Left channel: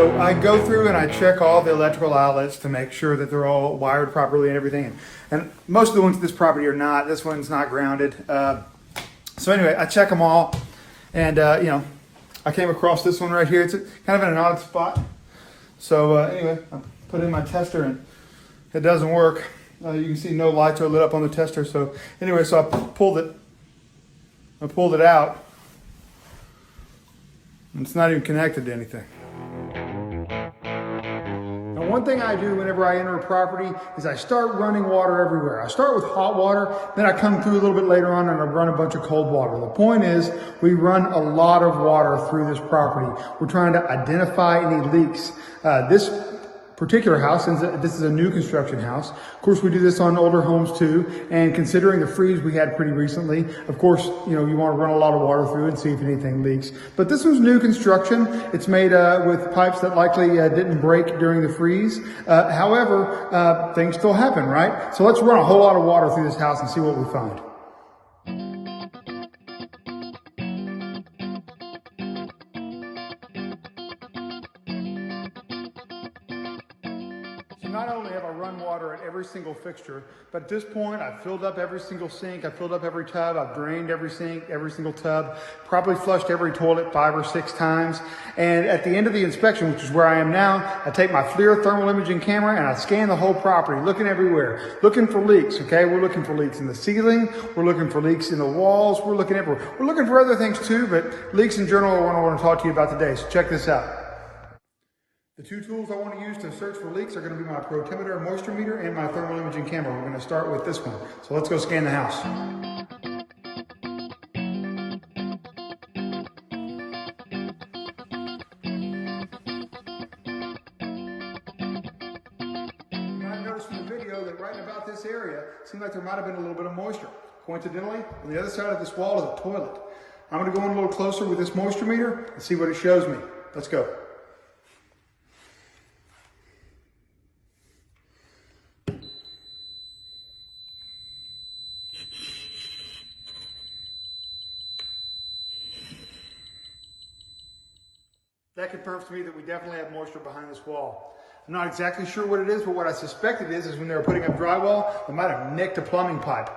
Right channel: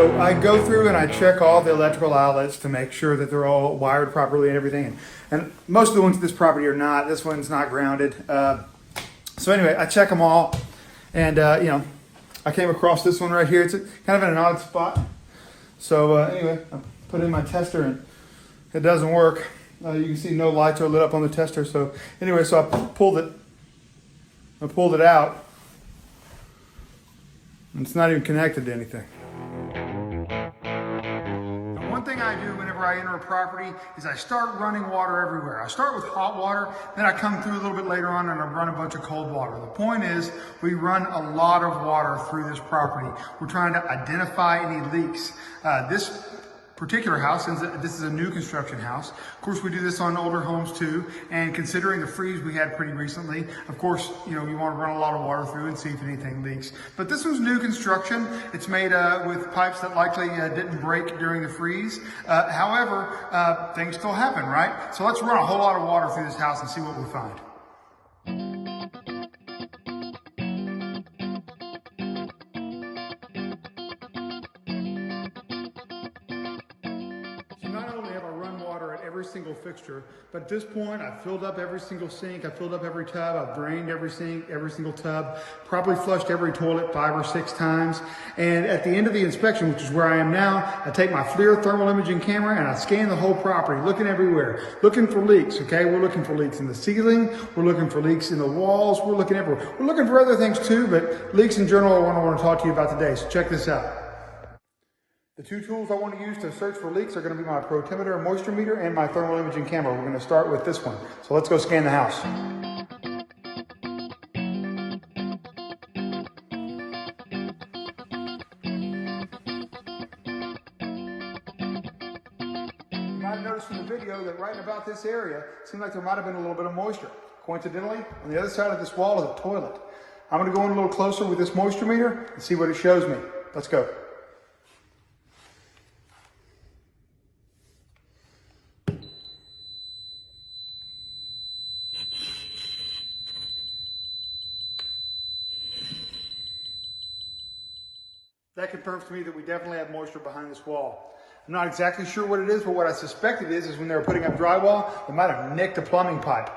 So I go through and I check all the electrical outlets to make sure that they're all wired properly and everything. And most of the ones at this property are not. This one's not grounded. So anyway, I check them all. And, I came across this one right here. It's kind of in an odd spot. So anyway, I put in my tester and it doesn't work. You can see no lights are lit up on the tester. So anyway, so I pulled it out. And it's not even connected to anything. One thing I do whenever I enter a property is I start running water everywhere. I start with hot water, then I come through a little bit later on and I run a bunch of cold water. The point is we run a lot of water through this property. We're trying to identify any leaks. This particular house, since this is a new construction house, of course we do this on older homes too, and considering the freeze we had pretty recently, of course, you want to run a lot of water through and see if anything leaks. But this was new construction. It's made with pipes that likely didn't break during the freeze. However, things still happen, right? So let's run a whole lot of water through this house and see what we find. Not only have I run water at every single fixture, but at this point I've filled up every single sink, I've filled up every tub, I've drained every sink, every single tub, probably flushed every toilet 5 or 6 times. And at the end of the inspection, which is where I am now, I take my FLIR thermal imaging camera and I scan the whole property, looking everywhere, looking for leaks, okay? We're looking for leaks in the ceiling, we're looking for leaks in the walls, we're looking everywhere. We're looking for other things too, but leaks in general are what I want to talk to you about today, so check this out. The 2 tools I want to use to search for leaks are going to be my protimeter, moisture meter, and my thermal imaging camera. We're going to start with this one. So let's go scan the house. You might have noticed from the video that right about this area, it seemed like there might have been a little bit of moisture. Coincidentally, on the other side of this wall is a toilet. I'm going to go in a little closer with this moisture meter and see what it shows me. Let's go. That confirms to me that we definitely have moisture behind this wall. I'm not exactly sure what it is, but what I suspect it is when they were putting up drywall, they might have nicked a plumbing pipe.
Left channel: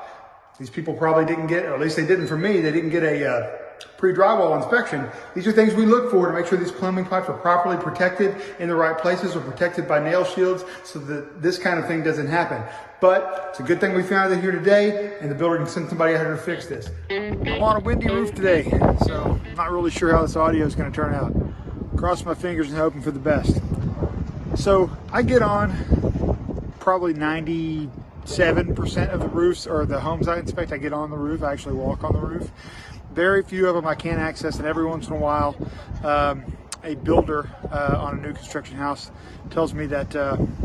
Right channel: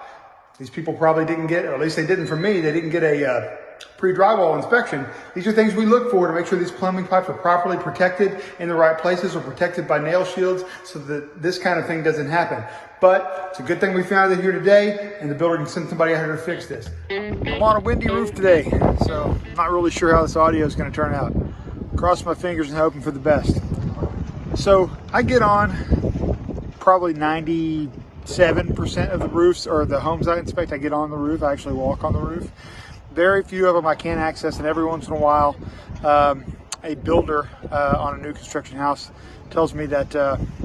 These people probably didn't get, or at least they didn't for me, they didn't get a pre-drywall inspection. These are things we look for to make sure these plumbing pipes are properly protected in the right places or protected by nail shields so that this kind of thing doesn't happen. But it's a good thing we found it here today and the builder can send somebody out here to fix this. A lot of windy roof today, so I'm not really sure how this audio is going to turn out. Cross my fingers and hoping for the best. So I get on probably 97% of the roofs or the homes I inspect. I get on the roof. I actually walk on the roof. Very few of them I can't access, and every once in a while a builder on a new construction house tells me that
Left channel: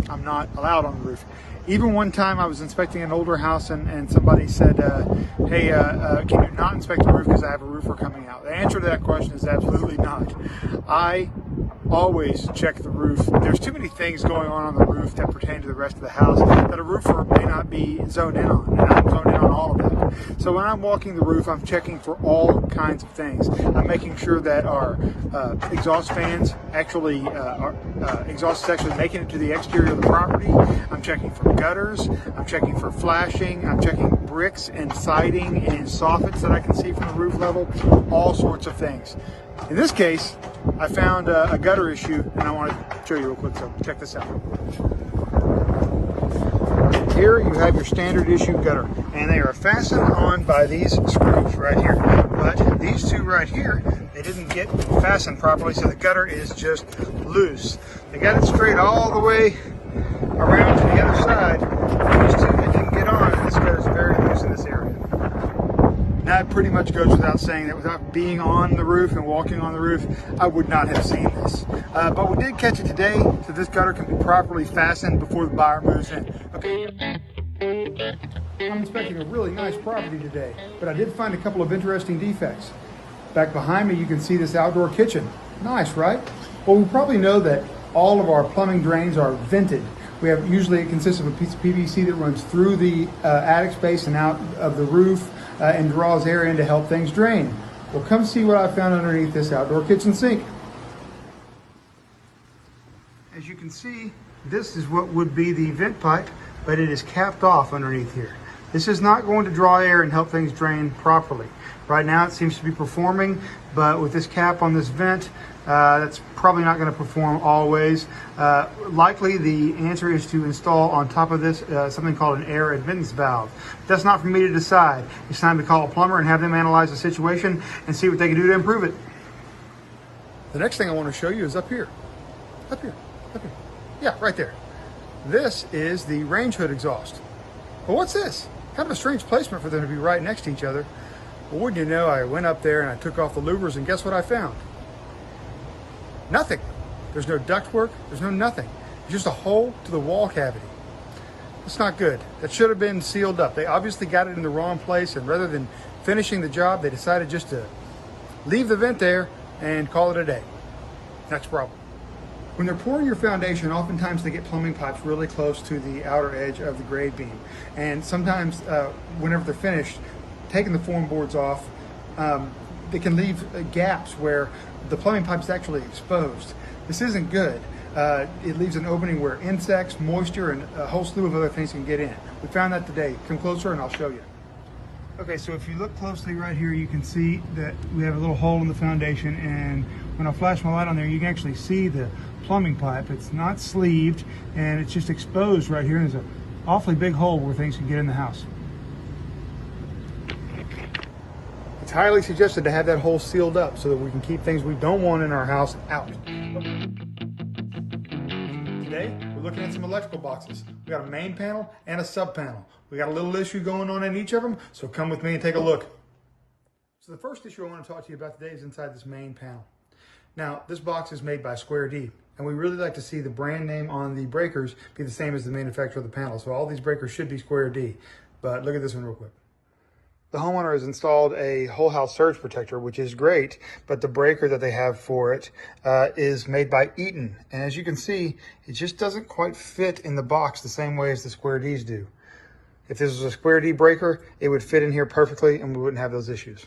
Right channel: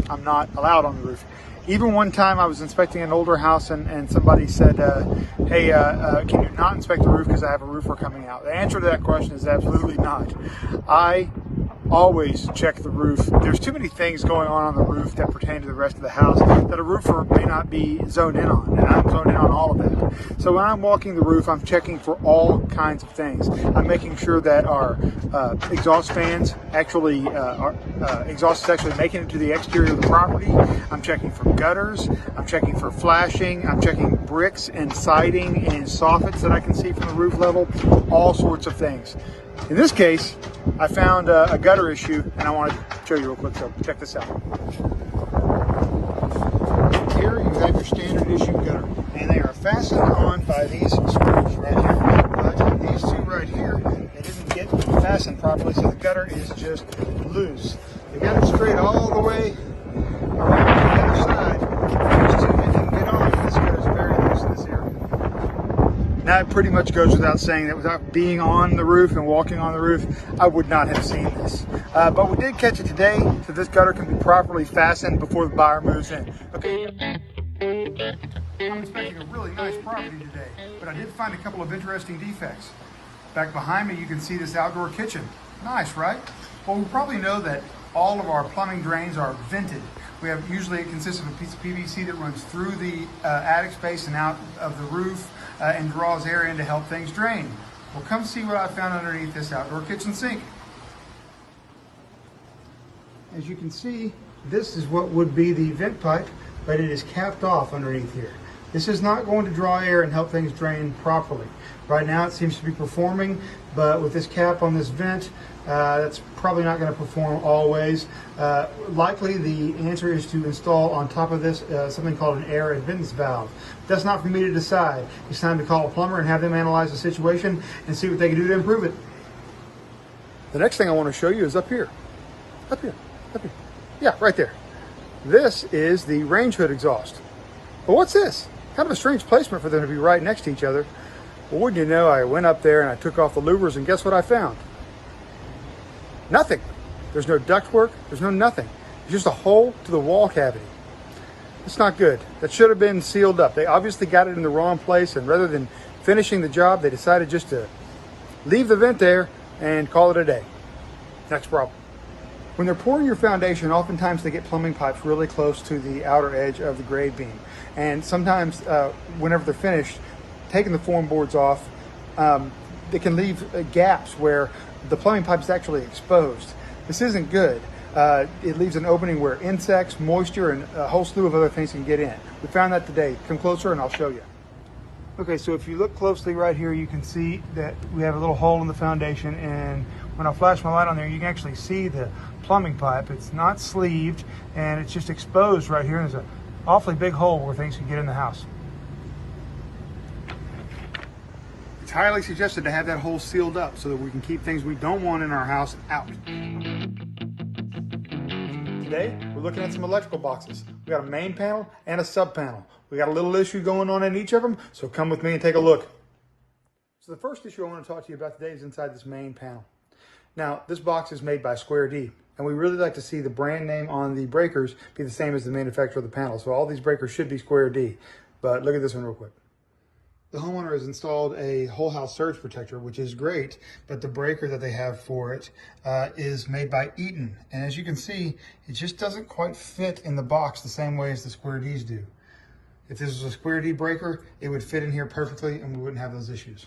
I'm not allowed on the roof. Even one time I was inspecting an older house and somebody said, hey, can you not inspect the roof because I have a roofer coming out? The answer to that question is absolutely not. I always check the roof. There's too many things going on the roof that pertain to the rest of the house that a roofer may not be zoned in on, and I'm zoned in on all of that. So when I'm walking the roof, I'm checking for all kinds of things. I'm making sure that our exhaust fans actually, exhaust is actually making it to the exterior of the property. I'm checking for gutters, I'm checking for flashing, I'm checking bricks and siding and soffits that I can see from the roof level, all sorts of things. In this case, I found a gutter issue and I want to show you real quick, so check this out. Here you have your standard issue gutter, and they are fastened on by these screws right here. But these two right here, they didn't get fastened properly, so the gutter is just loose. They got it straight all the way around on the other side. It didn't get on, and this gutter is very loose in this area. That pretty much goes without saying that without being on the roof and walking on the roof, I would not have seen this. But we did catch it today, so this gutter can be properly fastened before the buyer moves in. Okay. I'm inspecting a really nice property today, but I did find a couple of interesting defects. Back behind me, you can see this outdoor kitchen. Nice, right? Well, we probably know that all of our plumbing drains are vented. Usually it consists of a piece of PVC that runs through the attic space and out of the roof and draws air in to help things drain. Well, come see what I found underneath this outdoor kitchen sink. As you can see, this is what would be the vent pipe, but it is capped off underneath here. This is not going to draw air and help things drain properly. Right now it seems to be performing, but with this cap on this vent, that's probably not going to perform always. Likely the answer is to install on top of this something called an air admittance valve. That's not for me to decide. It's time to call a plumber and have them analyze the situation and see what they can do to improve it. The next thing I want to show you is up here. Up here. Yeah, right there. This is the range hood exhaust. Well, what's this? Kind of a strange placement for them to be right next to each other. Well, wouldn't you know, I went up there and I took off the louvers, and guess what I found? Nothing. There's no ductwork. There's no nothing. It's just a hole to the wall cavity. That's not good. That should have been sealed up. They obviously got it in the wrong place, and rather than finishing the job, they decided just to leave the vent there and call it a day. Next problem. When they're pouring your foundation, oftentimes they get plumbing pipes really close to the outer edge of the grade beam. And sometimes whenever they're finished, taking the form boards off, they can leave gaps where the plumbing pipe is actually exposed. This isn't good. It leaves an opening where insects, moisture, and a whole slew of other things can get in. We found that today. Come closer and I'll show you. Okay, so if you look closely right here, you can see that we have a little hole in the foundation, and when I flash my light on there, you can actually see the plumbing pipe. It's not sleeved, and it's just exposed right here. There's an awfully big hole where things can get in the house. It's highly suggested to have that hole sealed up so that we can keep things we don't want in our house out. Today, we're looking at some electrical boxes. We got a main panel and a sub panel. We got a little issue going on in each of them, so come with me and take a look. So the first issue I want to talk to you about today is inside this main panel. Now, this box is made by Square D, and we really like to see the brand name on the breakers be the same as the manufacturer of the panel. So all these breakers should be Square D, but look at this one real quick. The homeowner has installed a whole house surge protector, which is great, but the breaker that they have for it is made by Eaton. And as you can see, it just doesn't quite fit in the box the same way as the Square Ds do. If this was a Square D breaker, it would fit in here perfectly and we wouldn't have those issues.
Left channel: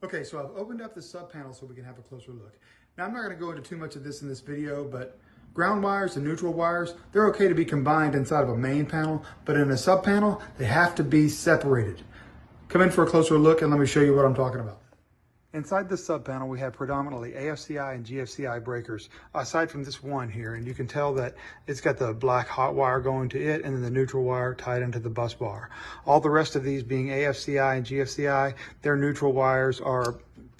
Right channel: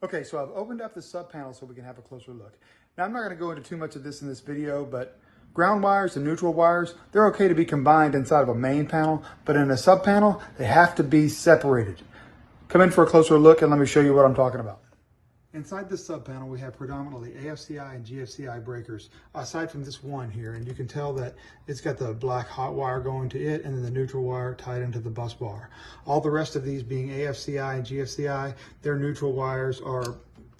Okay, so I've opened up the sub panel so we can have a closer look. Now, I'm not going to go into too much of this in this video, but ground wires and neutral wires, they're okay to be combined inside of a main panel, but in a sub panel, they have to be separated. Come in for a closer look and let me show you what I'm talking about. Inside this sub panel, we have predominantly AFCI and GFCI breakers, aside from this one here, and you can tell that it's got the black hot wire going to it and then the neutral wire tied into the bus bar. All the rest of these being AFCI and GFCI, their neutral wires are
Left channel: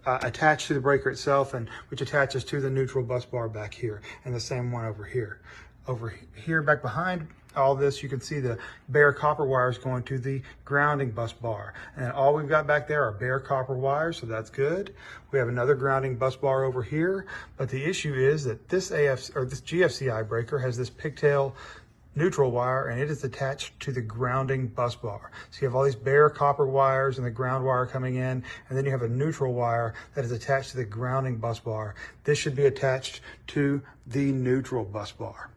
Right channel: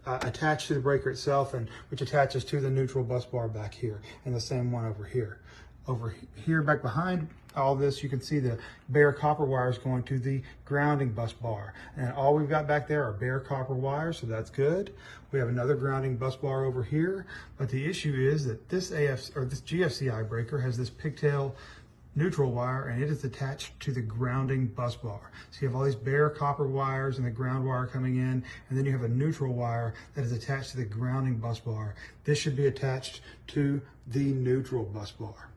attached to the breaker itself, and which attaches to the neutral bus bar back here, and the same one over here. Over here back behind all this, you can see the bare copper wires going to the grounding bus bar, and all we've got back there are bare copper wires, so that's good. We have another grounding bus bar over here, but the issue is that this this GFCI breaker has this pigtail neutral wire, and it is attached to the grounding bus bar. So you have all these bare copper wires and the ground wire coming in, and then you have a neutral wire that is attached to the grounding bus bar. This should be attached to the neutral bus bar.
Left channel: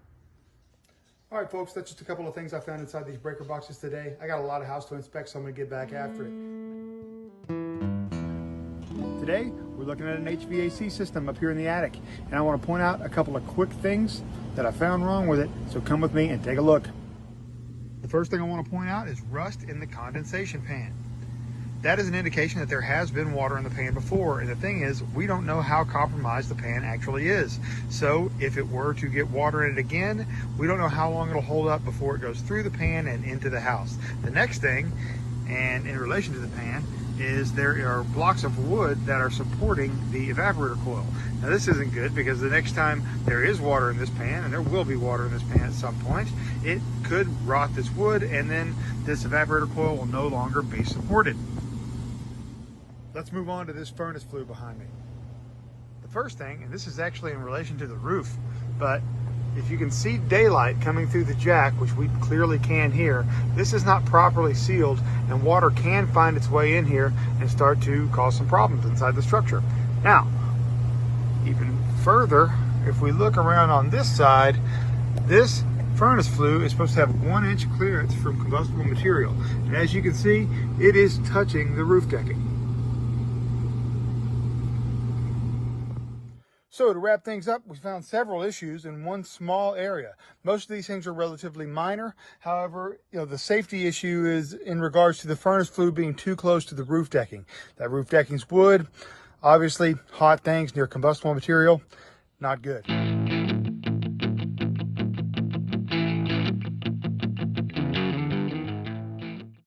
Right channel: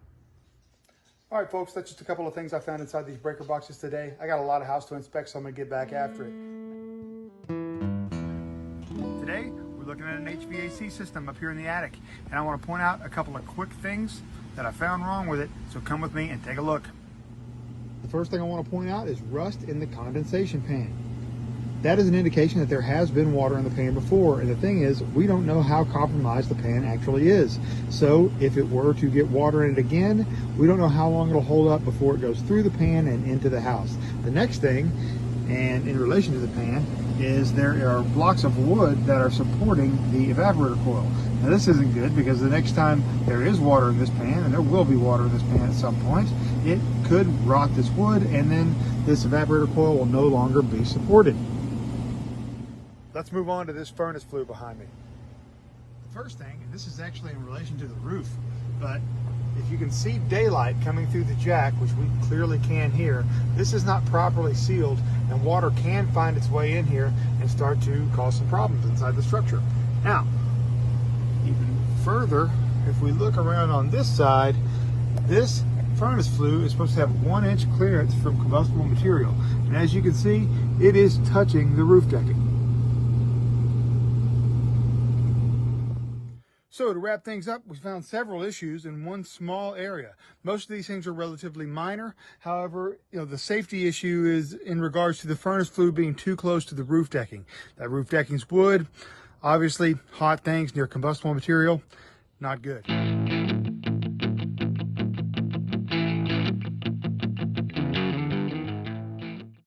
All right, folks, that's just a couple of things I found inside these breaker boxes today. I got a lot of house to inspect, so I'm gonna get back after it. Today, we're looking at an HVAC system up here in the attic, and I want to point out a couple of quick things that I found wrong with it, so come with me and take a look. The first thing I want to point out is rust in the condensation pan. That is an indication that there has been water in the pan before, and the thing is, we don't know how compromised the pan actually is. So if it were to get water in it again, we don't know how long it'll hold up before it goes through the pan and into the house. The next thing, and in relation to the pan, is there are blocks of wood that are supporting the evaporator coil. Now this isn't good, because the next time there is water in this pan, and there will be water in this pan at some point, it could rot this wood, and then this evaporator coil will no longer be supported. Let's move on to this furnace flue behind me. The first thing, and this is actually in relation to the roof, but if you can see daylight coming through the jack, which we clearly can here, this is not properly sealed, and water can find its way in here and start to cause some problems inside the structure. Now, even further, if we look around on this side, this furnace flue is supposed to have 1 inch clearance from combustible material. And as you can see, it is touching the roof decking. So to wrap things up, we found several issues in one small area. Most of these things are relatively minor. However, the safety issue is in regards to the furnace flue being too close to the roof decking. That roof decking's wood, obviously hot things near combustible material, not good.